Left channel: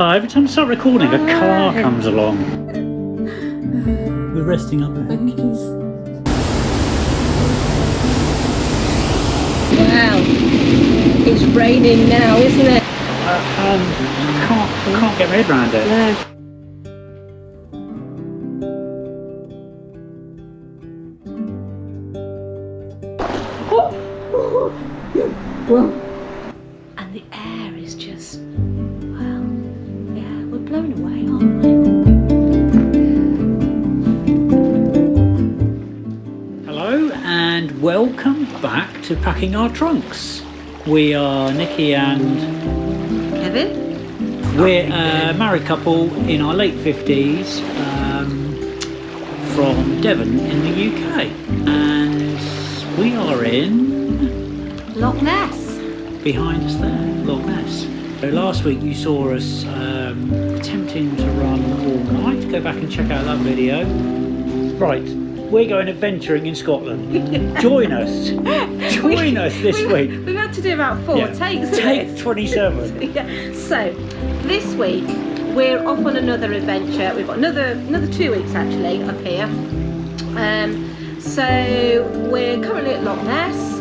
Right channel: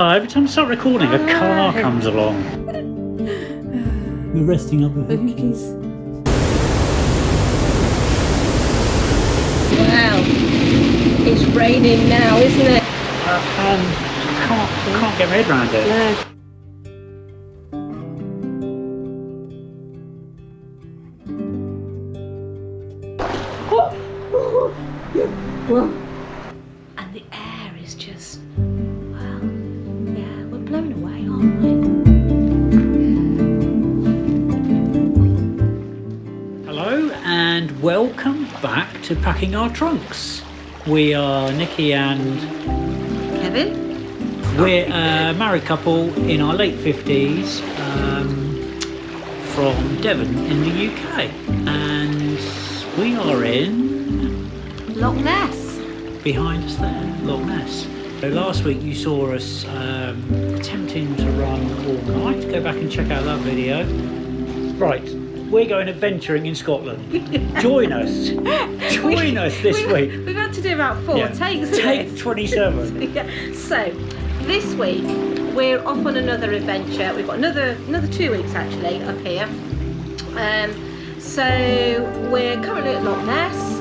Every time I start recording, a car comes along. We're resting up there. Wow, it's raining now, isn't it? Can't get my head around it. No. And the air is just, well, yeah, we're blown away, aren't we? Hello and welcome back to Packing Our Trunks. We are Nicky and Kevin? We're a married couple in our late 50s from Devon in the UK, and we are in Loch Ness. Behind us there, Loch Ness. So last week you saw us attempting to run all night. Go back and check out that video. Right, we're going adventuring in Scotland. Join us. Join us this week. We've had to do about 4 takes. Take 27. Yeah. So this week we're off on another adventure. We've got another 2 weeks actually up here. So we're currently at Loch Ness.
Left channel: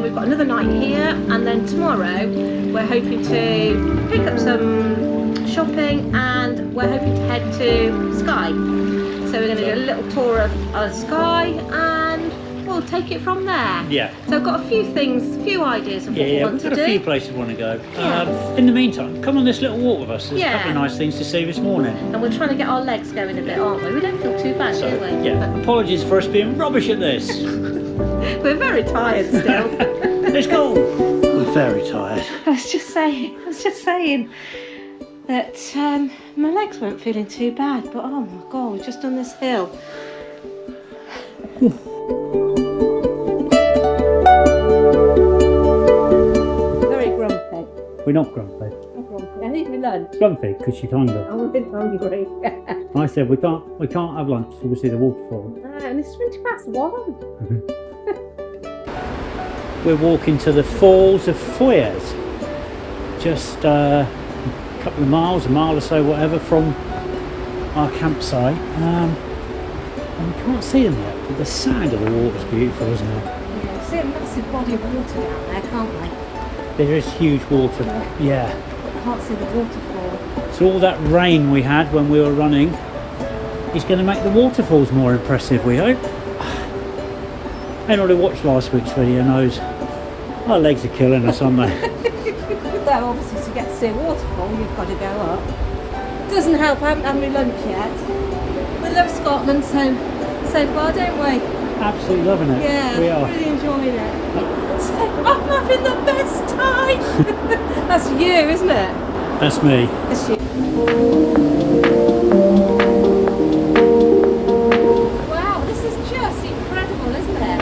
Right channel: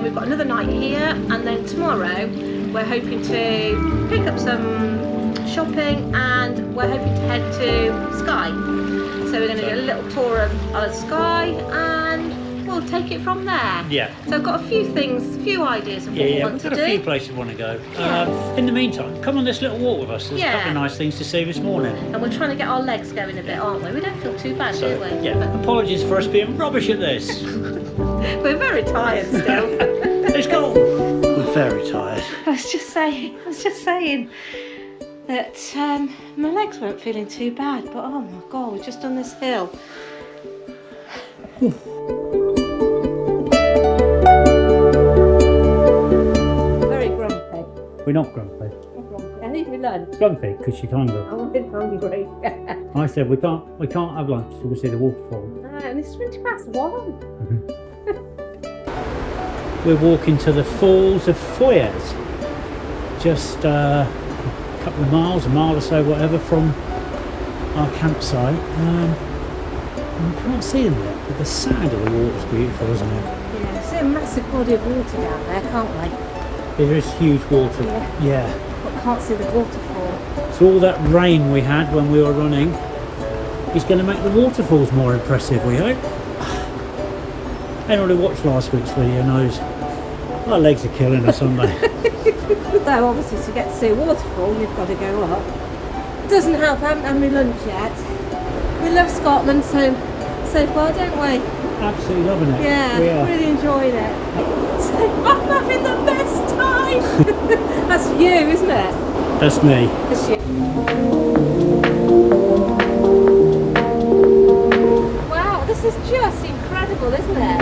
We've got another night here, and then tomorrow we're hoping to pick up some shopping, and we're hoping to head to Skye. So we're going to do a little tour of Isle of Skye, and we'll take it from there. Yeah. So I've got a few ideas of what we want to do. We've got a few places we want to go. Yes. In the meantime, come on this little walk with us. There's a couple of nice things to see this morning. And we're trying to get our legs going a bit, aren't we? We don't feel too bad, do we? Yeah. But apologies for us being rubbish at this. We're very tired still. Let's go. We're very tired. I was just saying that my legs weren't feeling too bad, but oh my god, we've just done this hill. Very grumpy. We're not grumpy. I'm grumpy. I need my lunch. Grumpy because she's hungry. I'm a bit hungry. I said we can't have lunch till we see the waterfall. No, and it's 1:20. We're walking to the Falls of Foyers. Just a couple of miles, a mile or so, whatever, from our campsite. And we can't see them yet, but the sound of the water's beautiful, isn't it? Yeah, see a massive body of water down there, can't we? There is huge water. Yeah. But can't see the waterfall. So all that rain we had when we were running is going to make the waterfalls more impressive, we hope. Anyone who watched last week's video knows our legs are killing us, aren't they? Well, obviously to get to see a waterfall you've got to go up. Doesn't help, I haven't had my lunch yet. We love Scotland so far, don't we? Absolutely loving it. Yeah, we are. Really enjoying it. So I'm having the best time. That's you, isn't it? That's me. That's you. Wow, this is just incredible, isn't it?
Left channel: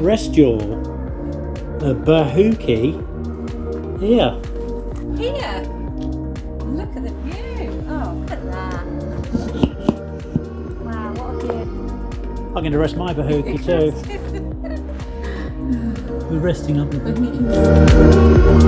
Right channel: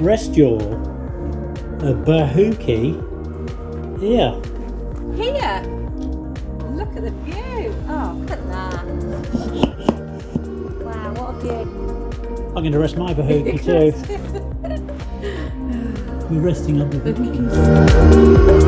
Rest your bahookie here. Here. Look at the view. Oh, look there. Wow, what a view. I'm going to rest my bahookie too. We're resting up the bahookies.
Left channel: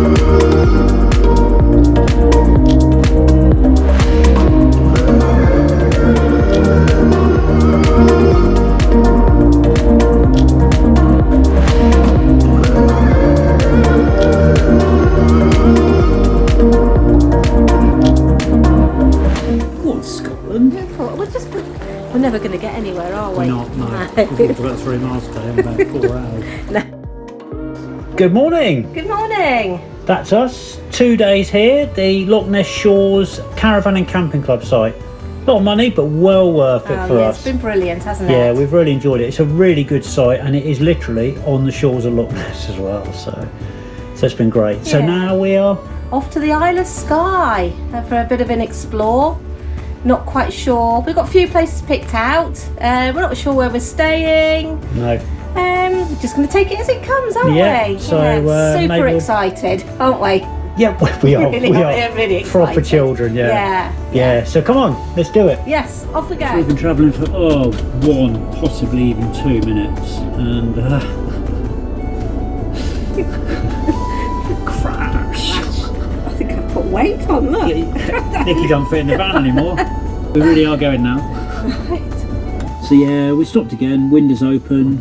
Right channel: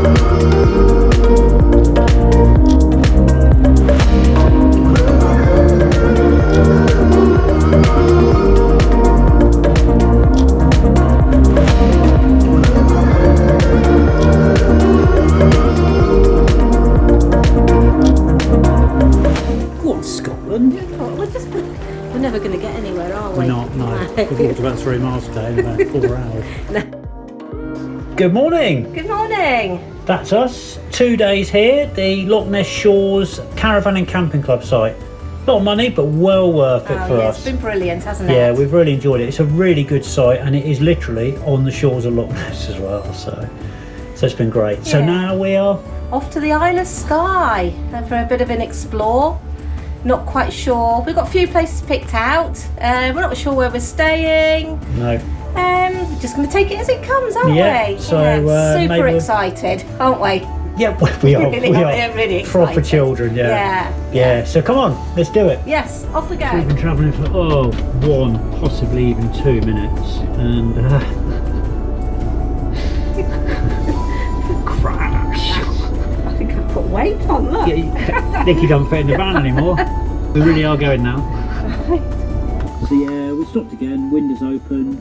Scotland. We're never going to get anywhere, are we? We're not, no. We've walked about 3 miles today in about 4 hours. No. Good morning. Good morning. That's us. 2 days here, the Loch Ness Shores Caravan and Camping Club site. A lot of money, but well worth it for us. It's been brilliant, hasn't it? Yeah, we've really enjoyed it. It's a really good site, and it is literally on the shores of Loch Ness as well. So it's been great. Yeah. So now we are off to the Isle of Skye for a bit of an explore. Not quite sure. We've got a few places picked out. We're not sure where we're staying. No. We're just going to take it as it comes, aren't we? So super excited, aren't we? Yeah, we are. Really, we are really excited. Proper children, yeah. So come on, let's do it. Yes, off we go. So we've been travelling for 1, possibly even 2 minutes, and crash. I think I've put weight on. Look. Yeah, Nicky don't fit in the van anymore. We really are going now. So yeah, we stopped again. Windows open.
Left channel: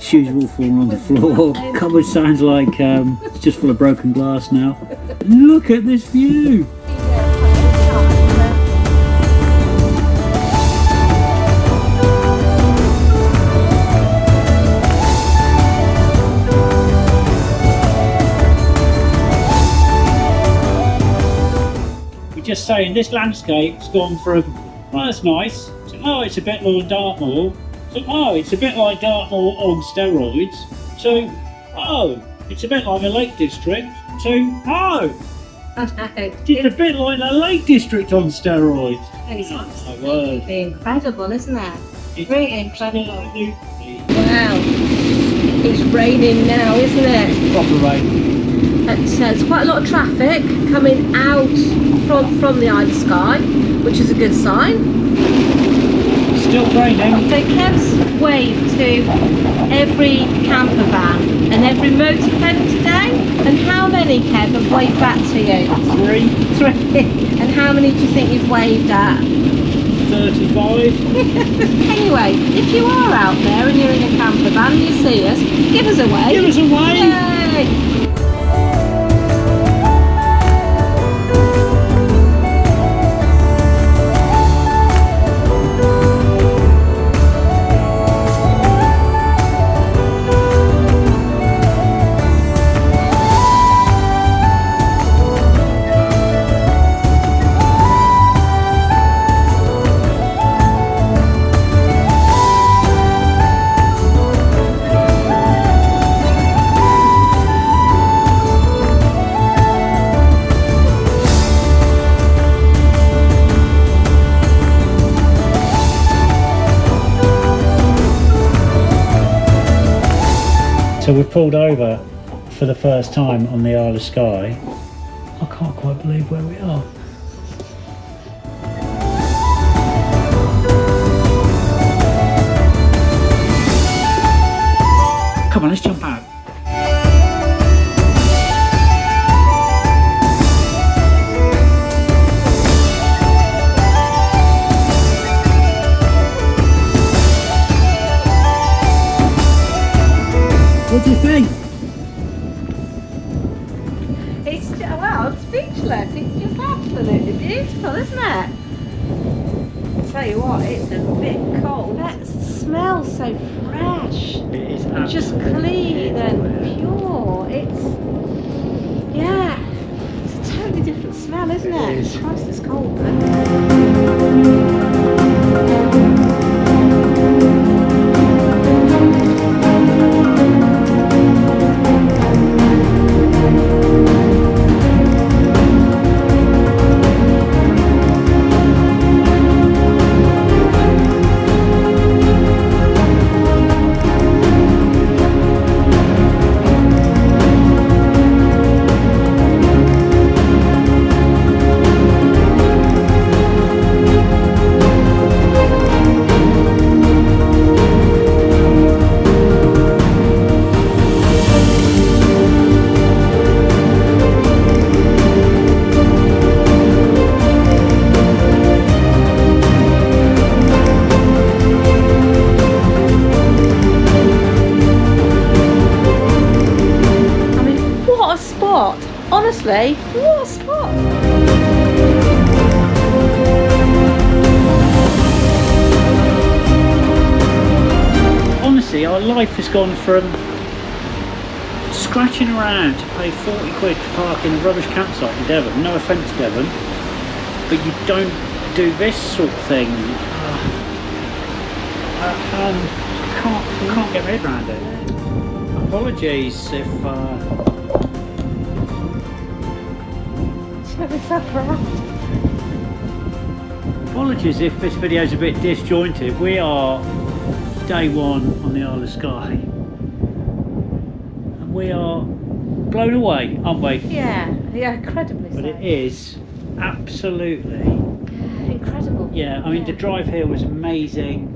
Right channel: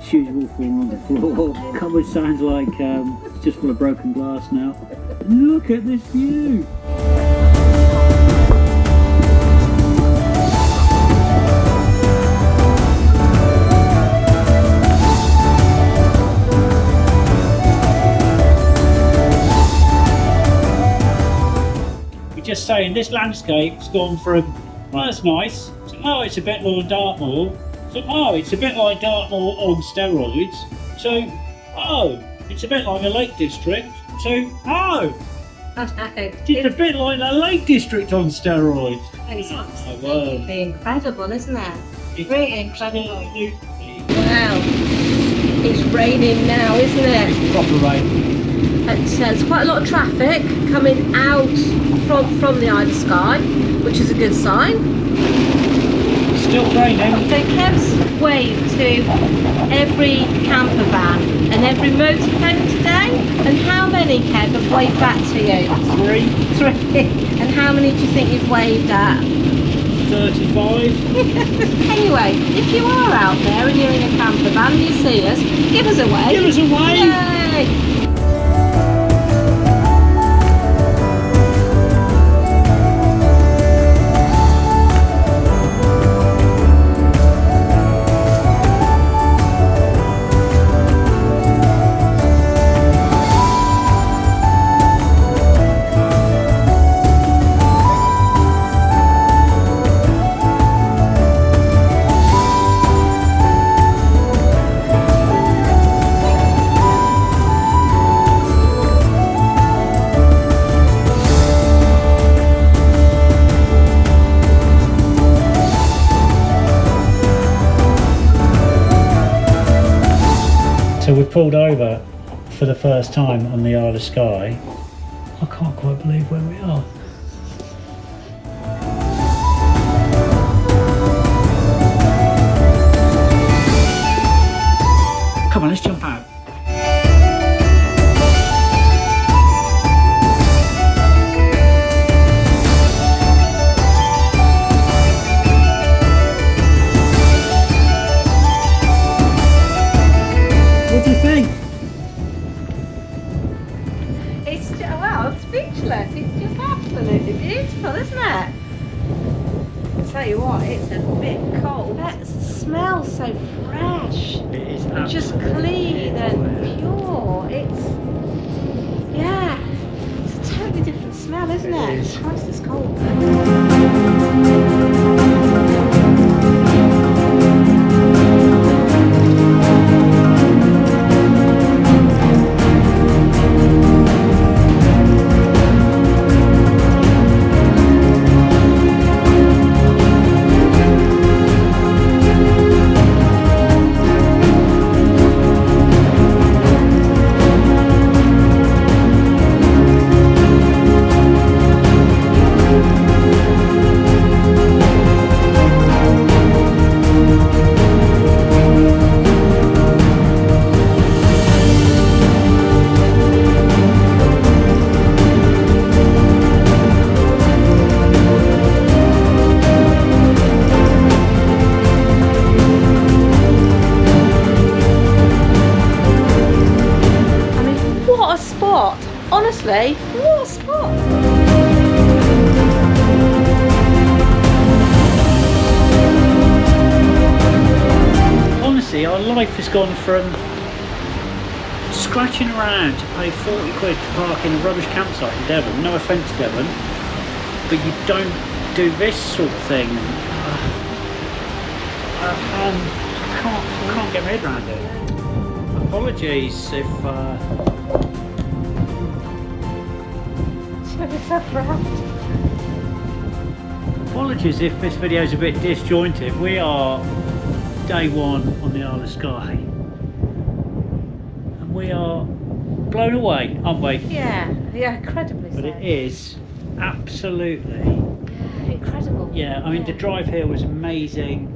Shoes are all falling on the floor. Cupboard sounds like it's just full of broken glass now. Look at this view. We're just saying this landscape's gone from, well, that's nice, to, oh, it's a bit like Dartmoor. So, oh, it's a bit like Dartmoor on steroids. So, oh, it's a bit like a Lake District. So, oh, it's a bit like a Lake District on steroids. It's absolutely incredible, isn't it? It's really incredible. Absolutely. Wow. It's raining now, isn't it? Proper rain. There's quite a lot of traffic coming out from the Isle of Skye, which is a good sign. Still raining. So Kev's waved to every camper van and every motorhome today. And how many, Kev, have waved back to you? 3. And how many do you think you've waved at? 35. Anyway, if you are out there and you're in a camper van and you see us, give us a wave. Give us a wave. Yay. So we've pulled over for the first time on the Isle of Skye. I can't quite believe where we are. Come on, let's jump out. What do you think? It's wow, I'm speechless. It's just absolutely beautiful, isn't it? I'll tell you what, it's a bit cold. It smells so fresh. It is and just clean and pure. It's a totally different smell, isn't it? It is. Christ, it's cold though. Honestly, what a spot! honestly, our life has gone from scratching around to pay 40 quid to park in a rubbish campsite in Devon. No offence, Devon, but you don't do this sort of thing. Can't get my head around it. Apologies if apologies if this video is a bit disjointed. We are day one on the Isle of Skye and we are blown away, aren't we? Yeah, incredibly so. But it is absolutely incredible. Yeah, I mean the drive here was amazing.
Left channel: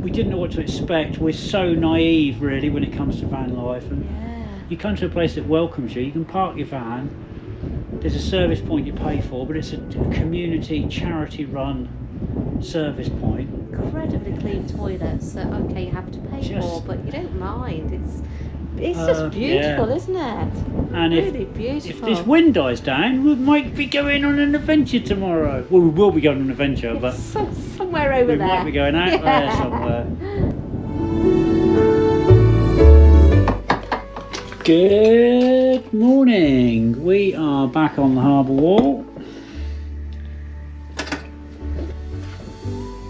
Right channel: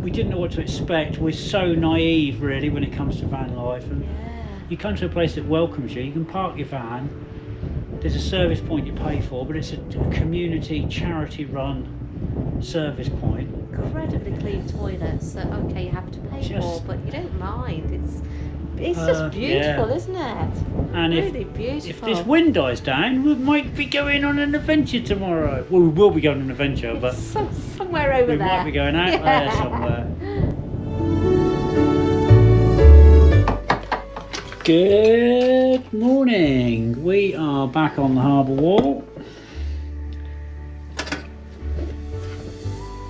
We didn't know what to expect. We're so naive really when it comes to van life, and you come to a place that welcomes you. You can park your van, there's a service point you pay for, but it's a community charity run service point. Incredibly clean toilets that okay you have to pay for, but you don't mind. It's just beautiful, isn't it? And really beautiful. If this wind dies down, we might be going on an adventure tomorrow. Well, we will be going on an adventure, but somewhere over there. We might be going out there somewhere. Good morning. We are back on the harbour wall.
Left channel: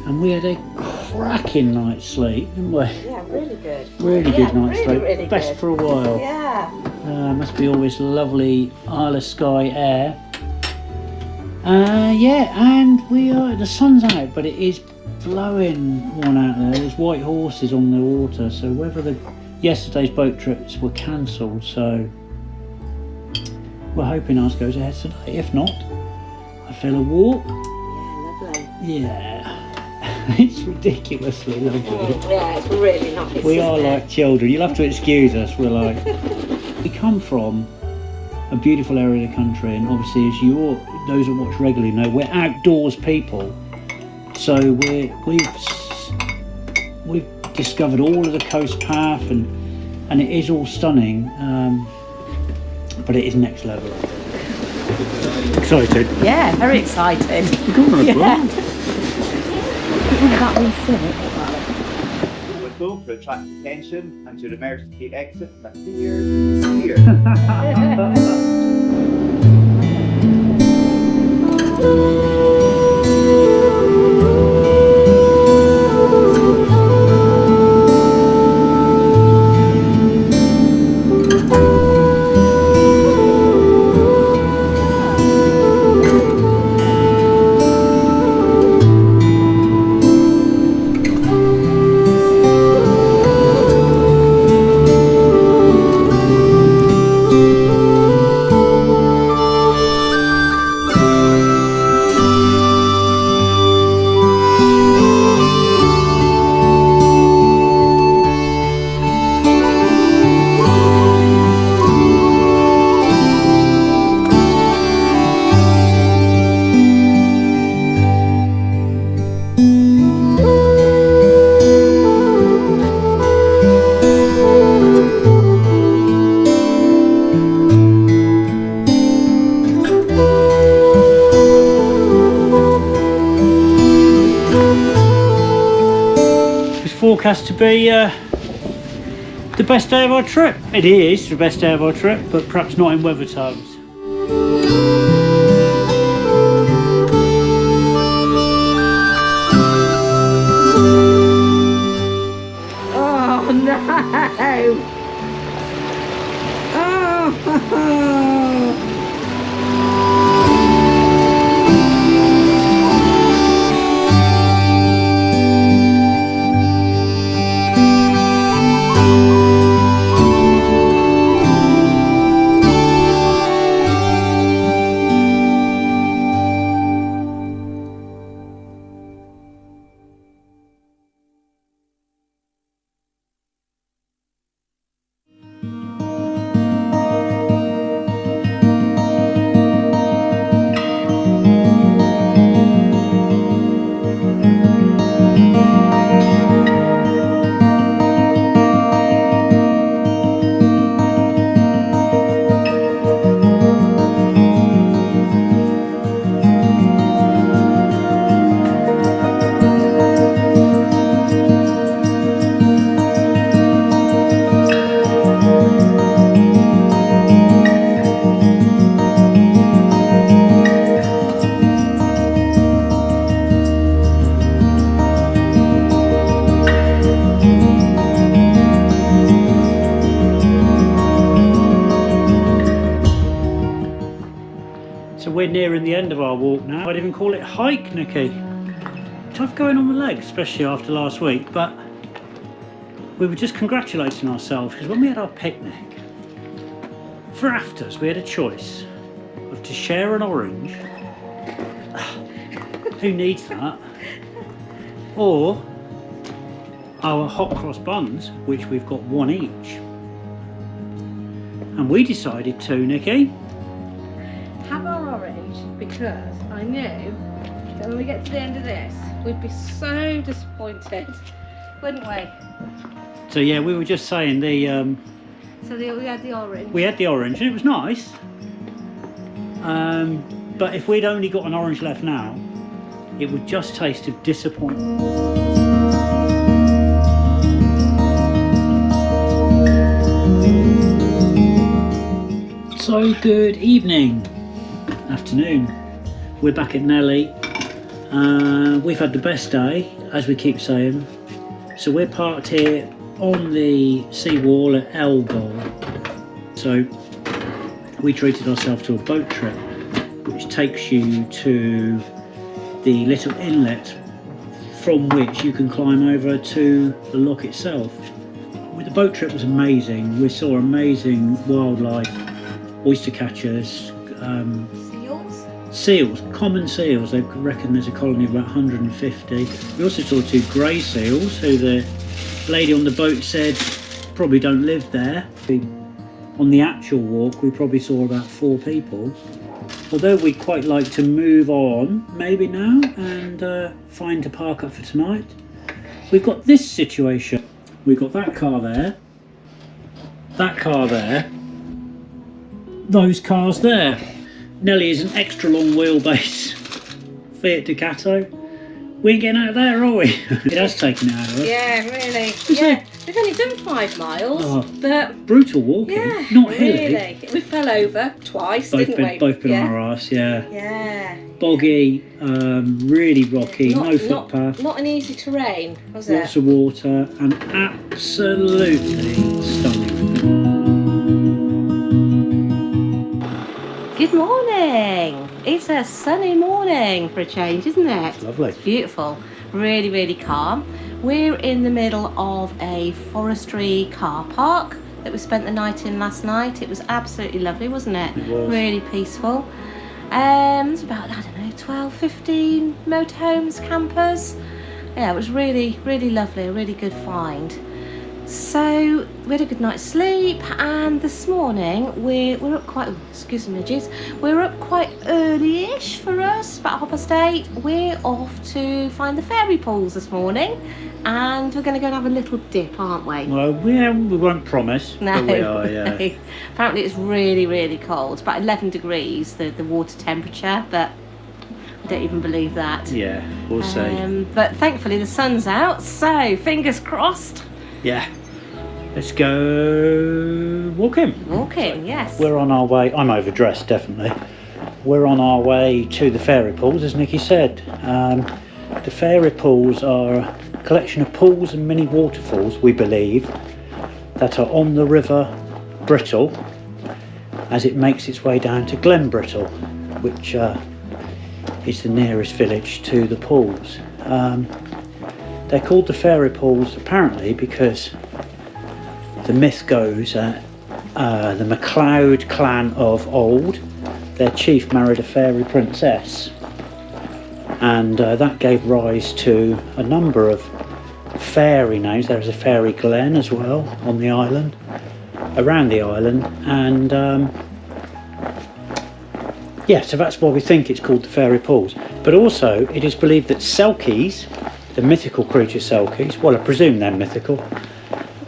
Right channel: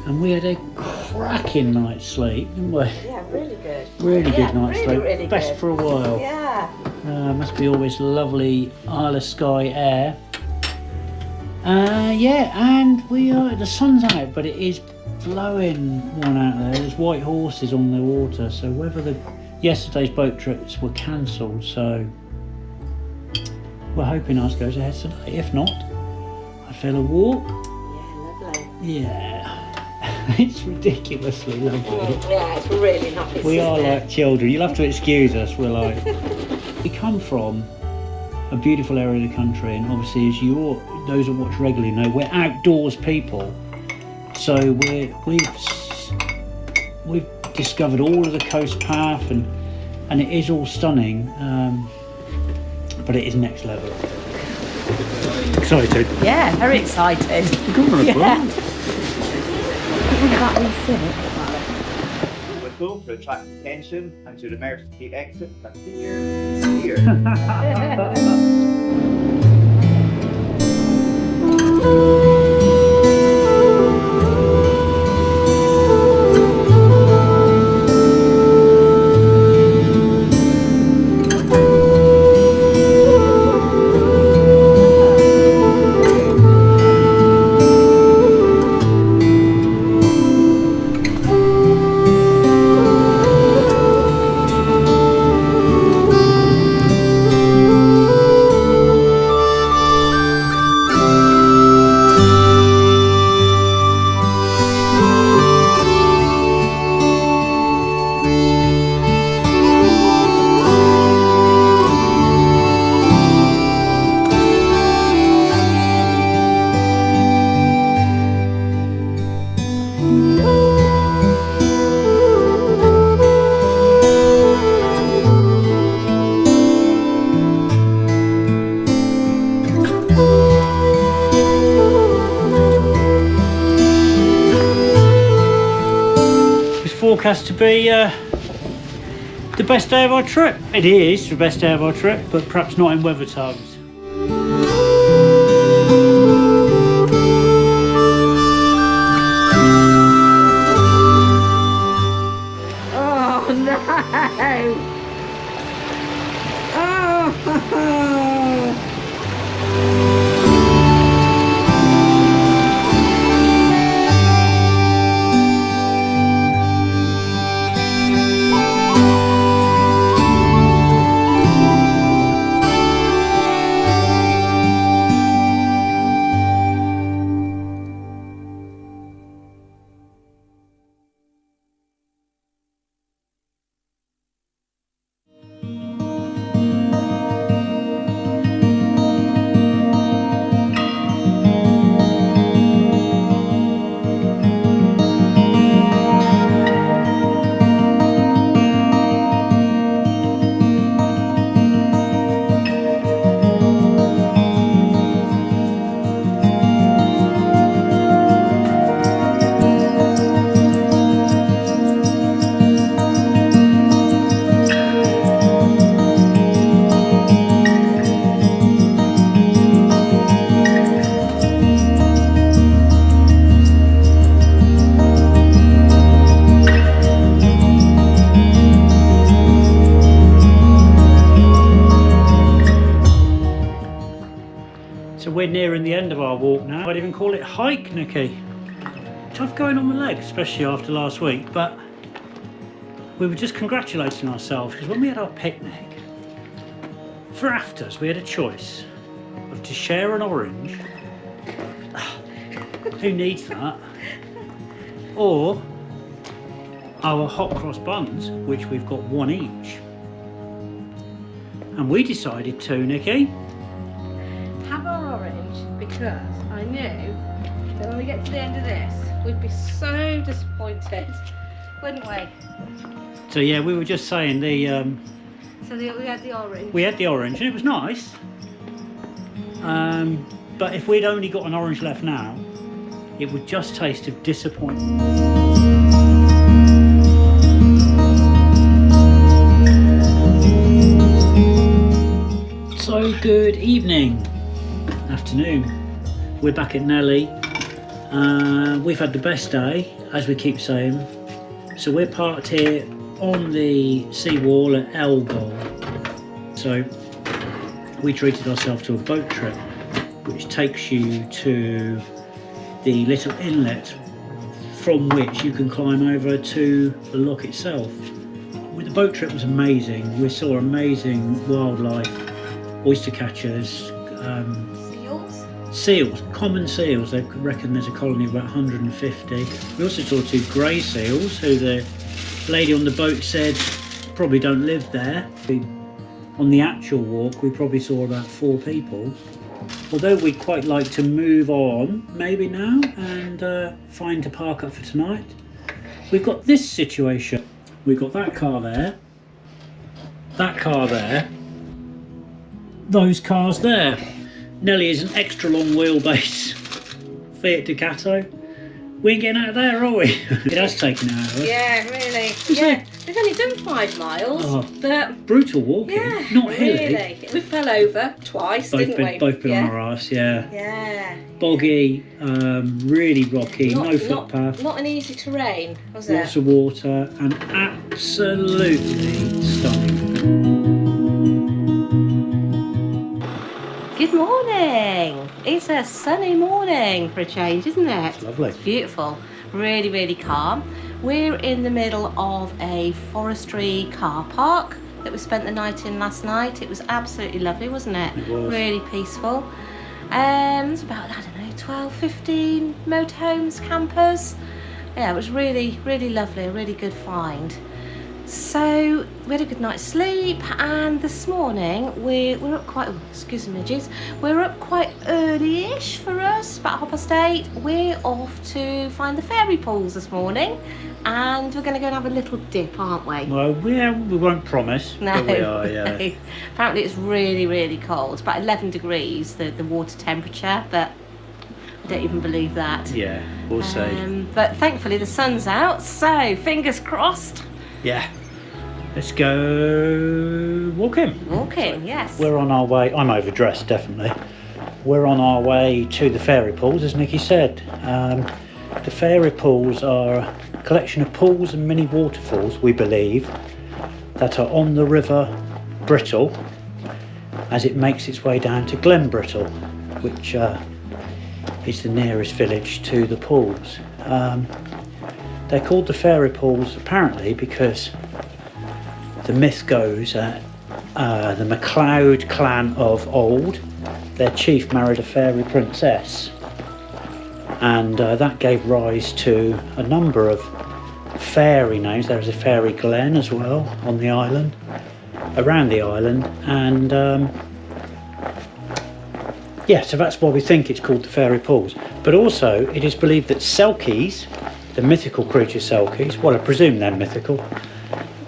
And we had a cracking night's sleep, didn't we? Yeah, really good. Really good night's sleep. Really Best good. for a while. Yeah. Must be always lovely Isle of Skye air. Yeah, and the sun's out, but it is blowing one out there. There's white horses on the water, so whether yesterday's boat trips were cancelled, so we're hoping ours goes ahead today. If not, I feel a walk. Yeah, lovely. Yeah. It's ridiculously lovely. Yeah, it's really nice. We are like children. You'll have to excuse us. We're like, we come from a beautiful area of the country, and obviously, as those that watch regularly know, we're outdoors people. So we've discovered all of the coast path, and it is all stunning. But it is next level. Excited? Yeah, very excited. Come on, Whistle to attract attention and to emergency exit that here. Forecast to be the best day of our trip. It is the best day of our trip, but perhaps not in weather terms. Oh no! Oh! So we're nearing the end of our walk now. I'd even call it hike, Nicky. Tough going on my legs, especially after last week, but we were just congratulating ourselves because when we had our picnic, for afters we had a choice of to share an orange, who needs that, or our hot cross buns, which we've got one each. And we decided to, Nicky, have our orange because I knew that when we get to the end of this, we'd be so disappointed, wouldn't we? so yeah, we were just saying we had the orange. We had the orange and it was nice. But if we'd only got an orange left now, it would just taste of disappointment. So good evening, afternoon. We're back at Nellie. We've had the best day, as we keep saying. So we're parked here on the seawall at Elgol. So we treated ourselves to a boat trip, which takes you to the little inlet from which you can climb over to the loch itself. The boat trip was amazing. We saw amazing wildlife, oyster catchers, seals, common seals. They reckon there's a colony of about 150. We also saw 2 grey seals who the lady on the boat said probably don't live there. On the actual walk we probably saw about 4 people. Although we'd quite like to move on maybe now and find a park up for tonight, we've got this situation. We've got that car there, those cars there. Nellie is an extra long wheelbase Fiat Ducato. We ain't getting out of there, are we? It has taken it out of us. Yeah, really. Yeah, we've only done 5 miles, but brutal walking. Yeah, not really. hilly. We fell over twice, didn't we? Both been on our arse, yeah. Yeah. Boggy, really rocky, no footpath. Not an easy terrain, was it? Lots of water and absolutely stunning. Good morning. It's a sunny morning for a change, isn't it? It's lovely. It's beautiful. Really, really calm. We're in the middle of a forestry car park that we spent the night in last night. It was absolutely lovely, wasn't it? It was. Really peaceful. There's about, I don't know, 12, 15 motorhomes, campers. Yeah, it was really, really lovely. A really good find. So we had a good night's sleep, and this morning we're up quite, excuse me midges, we're up quite early-ish for us, about 8:30. We're off to find the fairy pools this morning, and we're going to go and have a little dip, aren't we? Well, we won't promise, No. but we are, yeah. Apparently it's really, really cold. It's about 11 degrees, the water temperature, but I don't even believe that. Yeah, we'll see. But thankfully the sun's out, so fingers crossed. Yeah. Let's go walking. Yes. We're on our way. I'm overdressed, definitely. We're on our way to the fairy pools, as Nicky said. The fairy pools are a collection of pools and mini waterfalls, we believe, that are on the river Brittle as it makes its way down to Glen Brittle, which is the nearest village to the pools. They're called the fairy pools apparently because the myth goes that the MacLeod clan of old, their chief married a fairy princess, and that gave rise to a number of fairy names. There's a fairy glen as well on the island, around the island, and yeah, so that's why we think it's called the fairy pools. But also it is believed that selkies, the mythical creature selkies, well I presume they're mythical,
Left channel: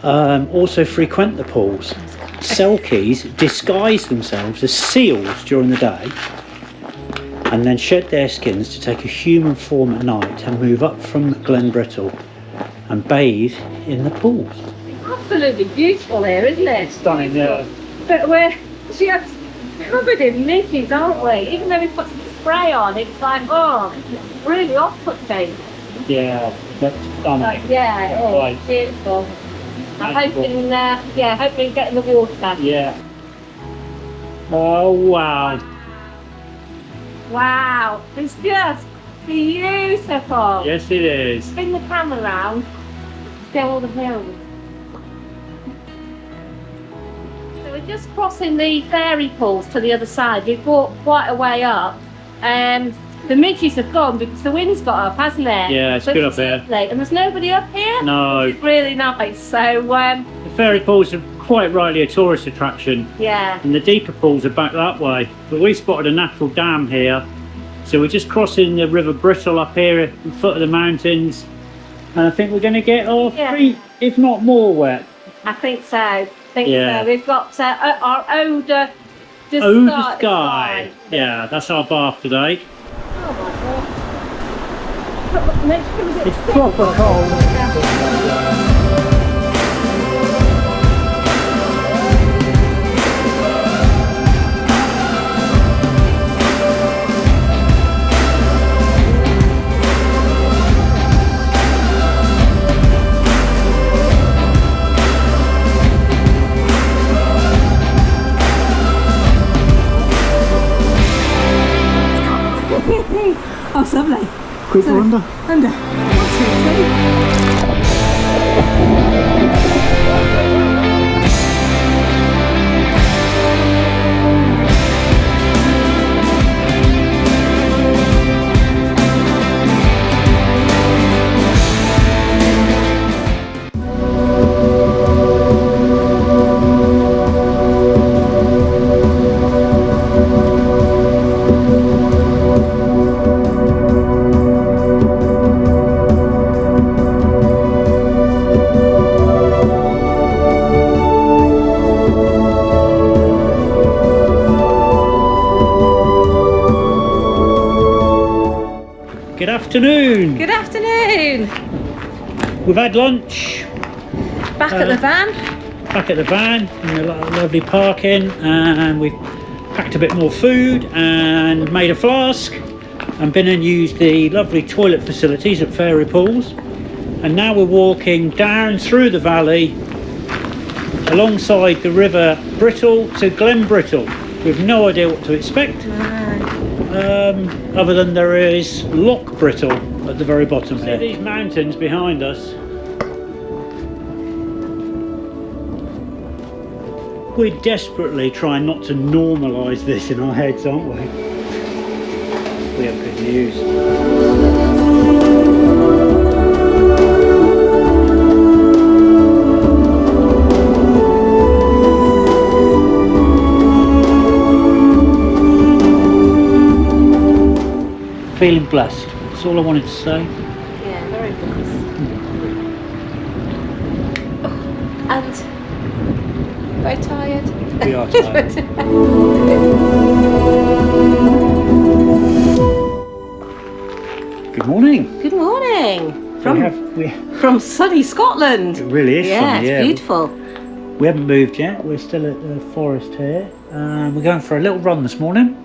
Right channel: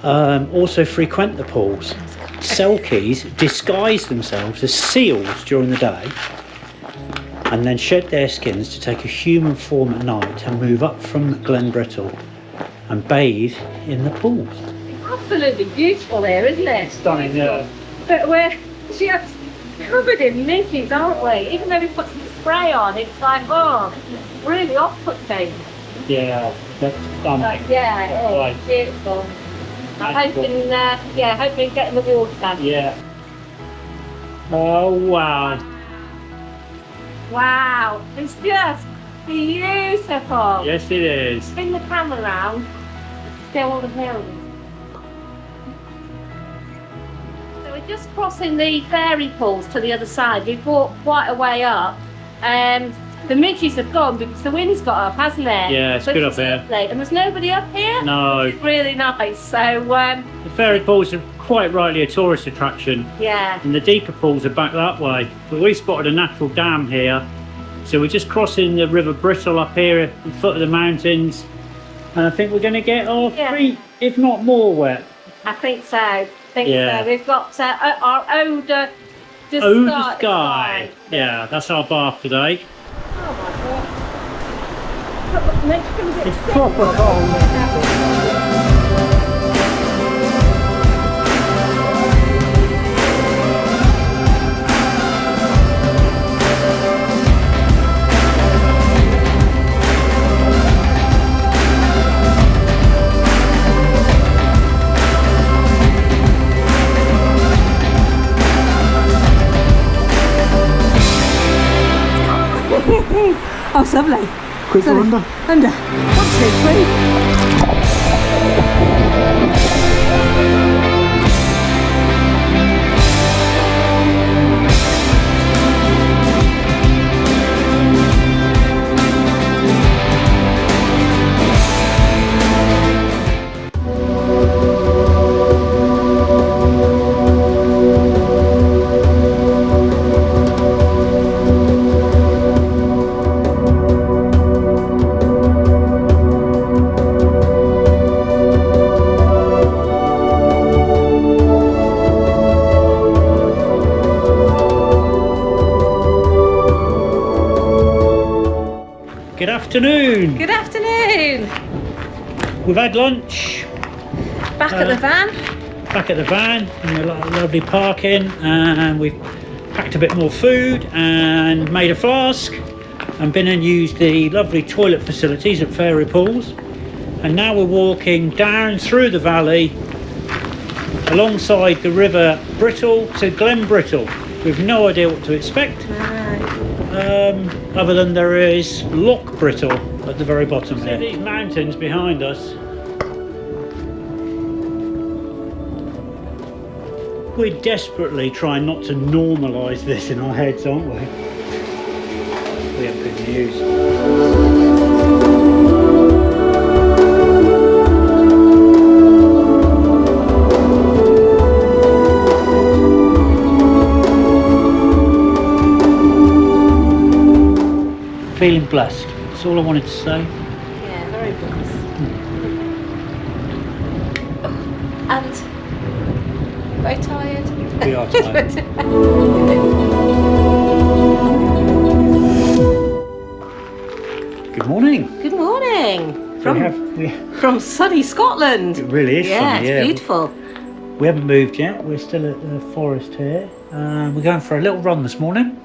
also frequent the pools. Selkies disguise themselves as seals during the day and then shed their skins to take a human form at night and move up from Glen Brittle and bathe in the pools. Absolutely beautiful here, isn't it? Stunning, yeah. But we're just covered in midges, aren't we? Even though we put some spray on, it's like, oh, really off-putting. Yeah, that's stunning. Like, yeah, it is. Right. Beautiful. I'm hoping, getting the water. Yeah. Oh wow. Wow, it's just beautiful. Yes, it is. Spin the camera around, go all the hills. So we're just crossing the fairy pools to the other side. We've walked quite a way up. The midges have gone because the wind's got up, hasn't it? Yeah, it's good up here. Lovely. And there's nobody up here? No. It's really nice. So, The fairy pools are quite rightly a tourist attraction, yeah. and the deeper pools are back that way. But we spotted a natural dam here, so we're just crossing the River Brittle up here at the foot of the mountains, and I think we're going to get our feet, if not more, wet. I think so. I think Yeah. so. We've got our Ode to Skye. Yeah, that's our bath today. Oh my god. Makes it a bit It's proper cold. Oh, it's lovely. Quick under. Under. 1, 2, 3. Good afternoon. Good afternoon. We've had lunch. Back at the van. Back at the van in the lovely parking, and we've packed a bit more food and made a flask and been and used the lovely toilet facilities at Fairy Pools, and now we're walking down through the valley alongside the River Brittle to Glen Brittle. We've no idea what to expect, other than there is Loch Brittle at the very bottom here. See these mountains behind us? We're desperately trying not to normalise this in our heads, aren't we? We have good news. Feeling blessed. That's all I wanted to say. Yeah, very blessed. And very tired. We are tired. Good morning. Good morning. From sunny Scotland. It really is sunny, It's beautiful. We haven't moved yet. We're still at the forest here. We're going for a little run this morning.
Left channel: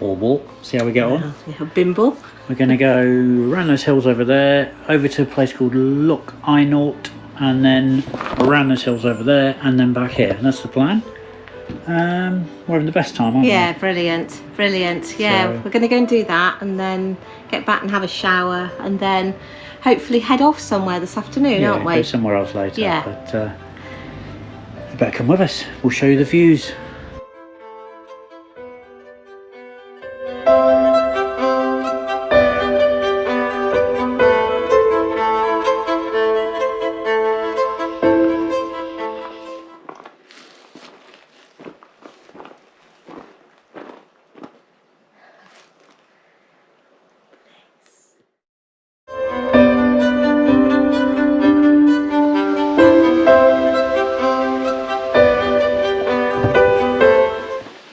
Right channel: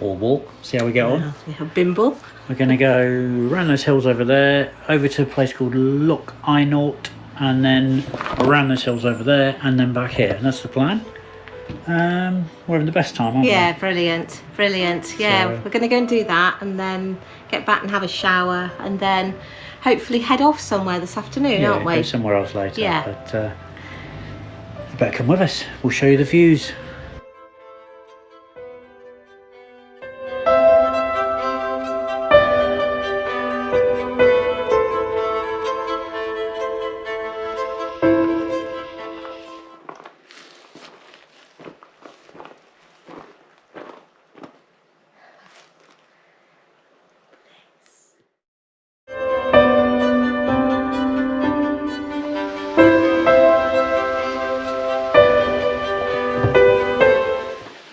Or walk, see how we get on. We have Bimble. We're going to go around those hills over there, over to a place called Loch, and then around those hills over there, and then back here. And that's the plan. We're having the best time, aren't we? Yeah, brilliant. Brilliant. Yeah, So- we're going to go and do that and then get back and have a shower and then hopefully head off somewhere this afternoon, Yeah, aren't we? go somewhere else later. Yeah. But you better come with us. We'll show you the views.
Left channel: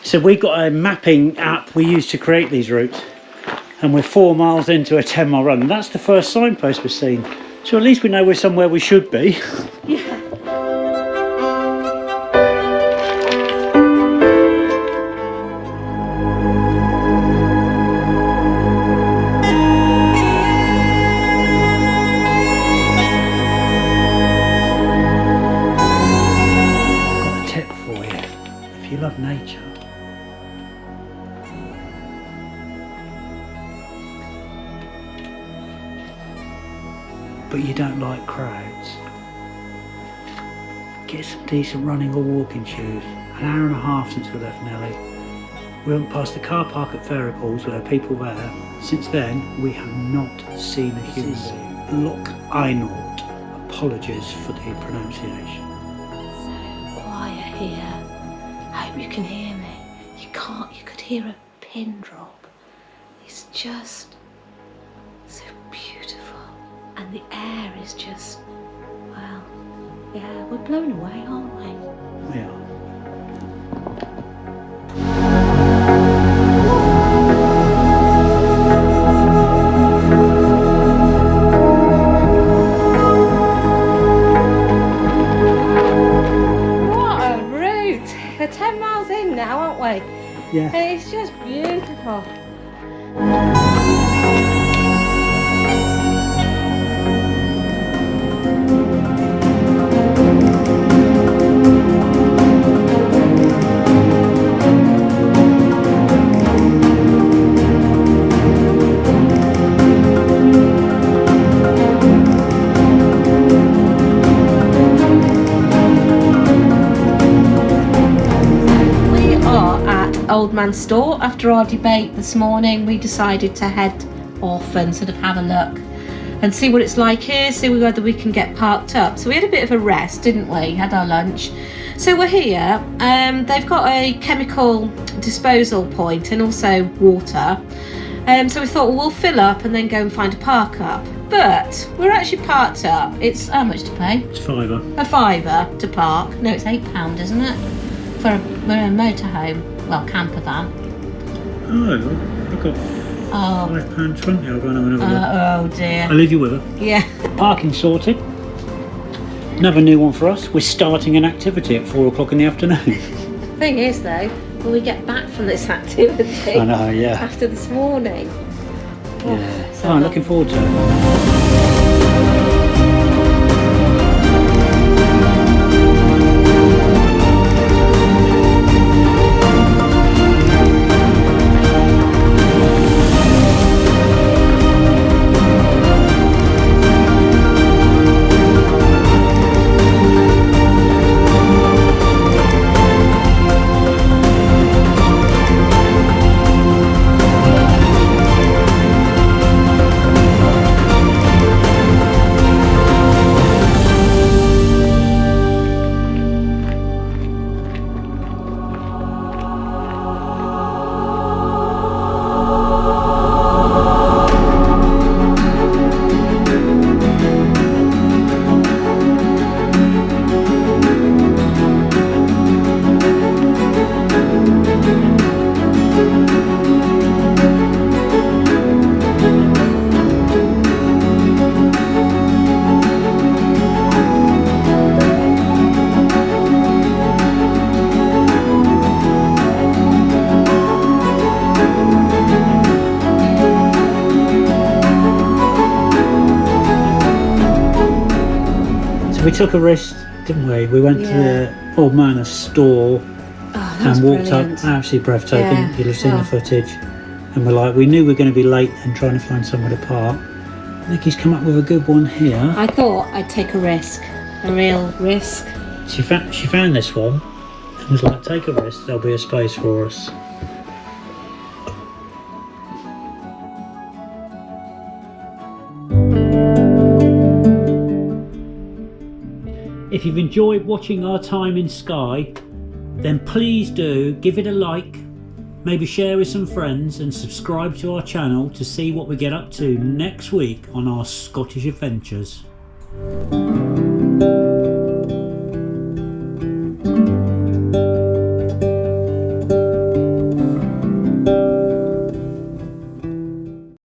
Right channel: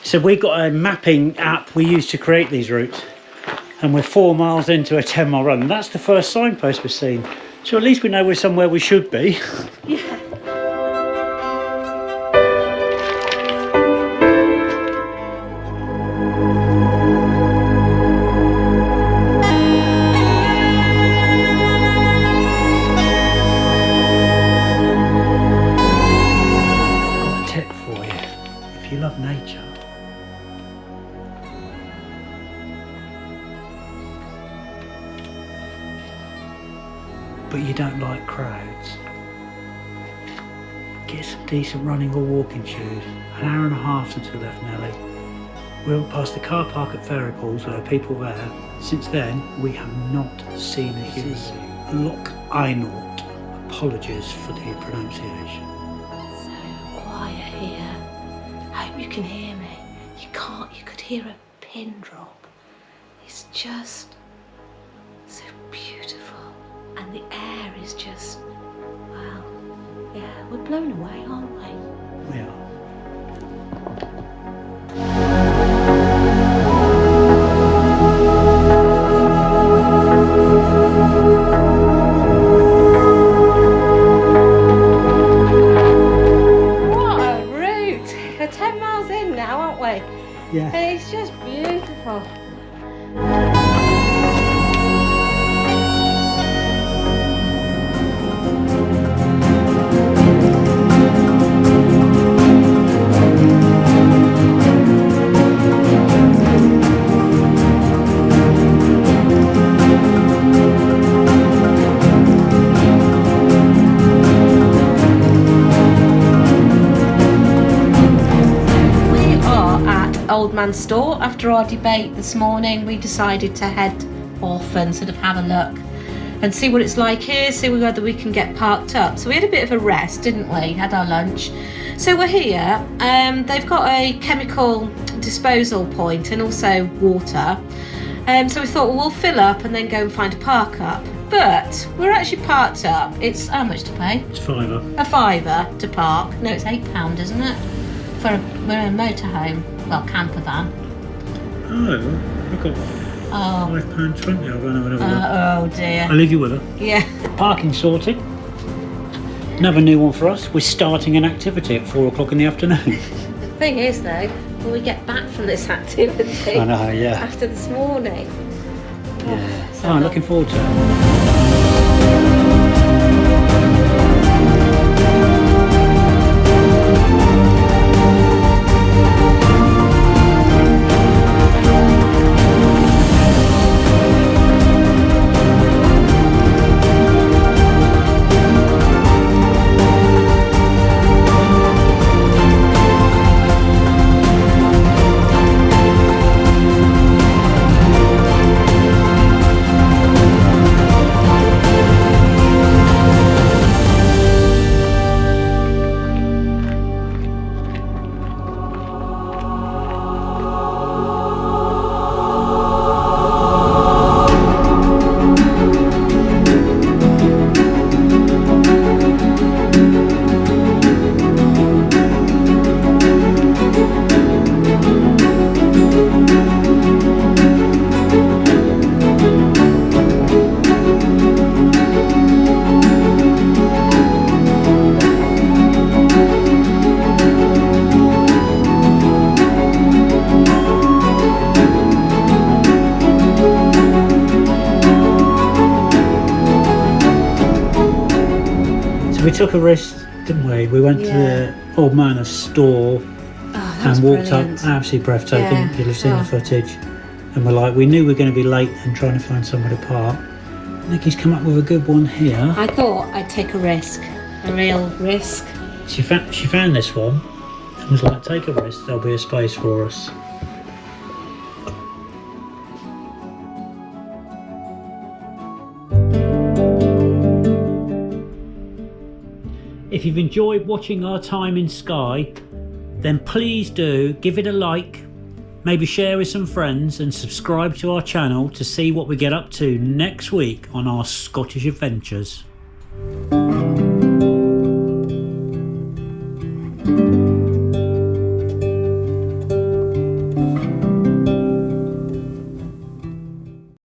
So we got a mapping app we use to create these routes, and we're 4 miles into a 10-mile run. That's the first signpost we've seen. So at least we know we're somewhere we should be. Yeah. I've got a tip for you. If you love nature, but you don't like crowds, get some decent running or walking shoes. An hour and a half since we left Nellie. We went past the car park at Fairy Pools where there are people there. Since then, we have not seen a human being. Loch. Apologies for the pronunciation. So quiet here. Hope you can hear me. You can't, you could hear a pin drop. It's just so beautiful. And the air is just, well, yeah, we're blown away, aren't we? We are. What a route! We're 10 miles in now, aren't we? Yeah. And it's just beautiful. At Old Man of Storr. After our debate this morning, we decided to head off and sort of have a look and see what it's like here, see whether we can get parked up. So we had a bit of a rest, didn't we? Had our lunch. So we're here. They've got a chemical disposal point and also water. So we thought, well, we'll fill up and then go and find a park up. But we're actually parked up. It's how much to pay? It's £5. A £5 to park. No, it's £8, isn't it? We're in a motorhome, well, camper van. Oh, I've got £5.20. I'll go and have another look. Oh dear. I'll leave you with her. Yeah. Parking sorted. Another new one for us. We're starting an activity at 4 o'clock in the afternoon. The thing is though, when we get back from this activity, I know, yeah. after this morning. Yeah. So I'm looking forward to it. So we took a risk, didn't we? We went to the Old Man of Storr and walked brilliant. up, absolutely breathtaking. Yeah. You'll have seen the footage. And we're like, we knew we were going to be late and trying to find somewhere to park. Nicky's come up with a good one here. I thought I'd take a risk, a real risk. She found this one and was like, take a risk, there'll be a space for us. If you've enjoyed watching our time in Skye, then please do give it a like, maybe share with some friends and subscribe to our channel to see what we get up to next week on our Scottish adventures.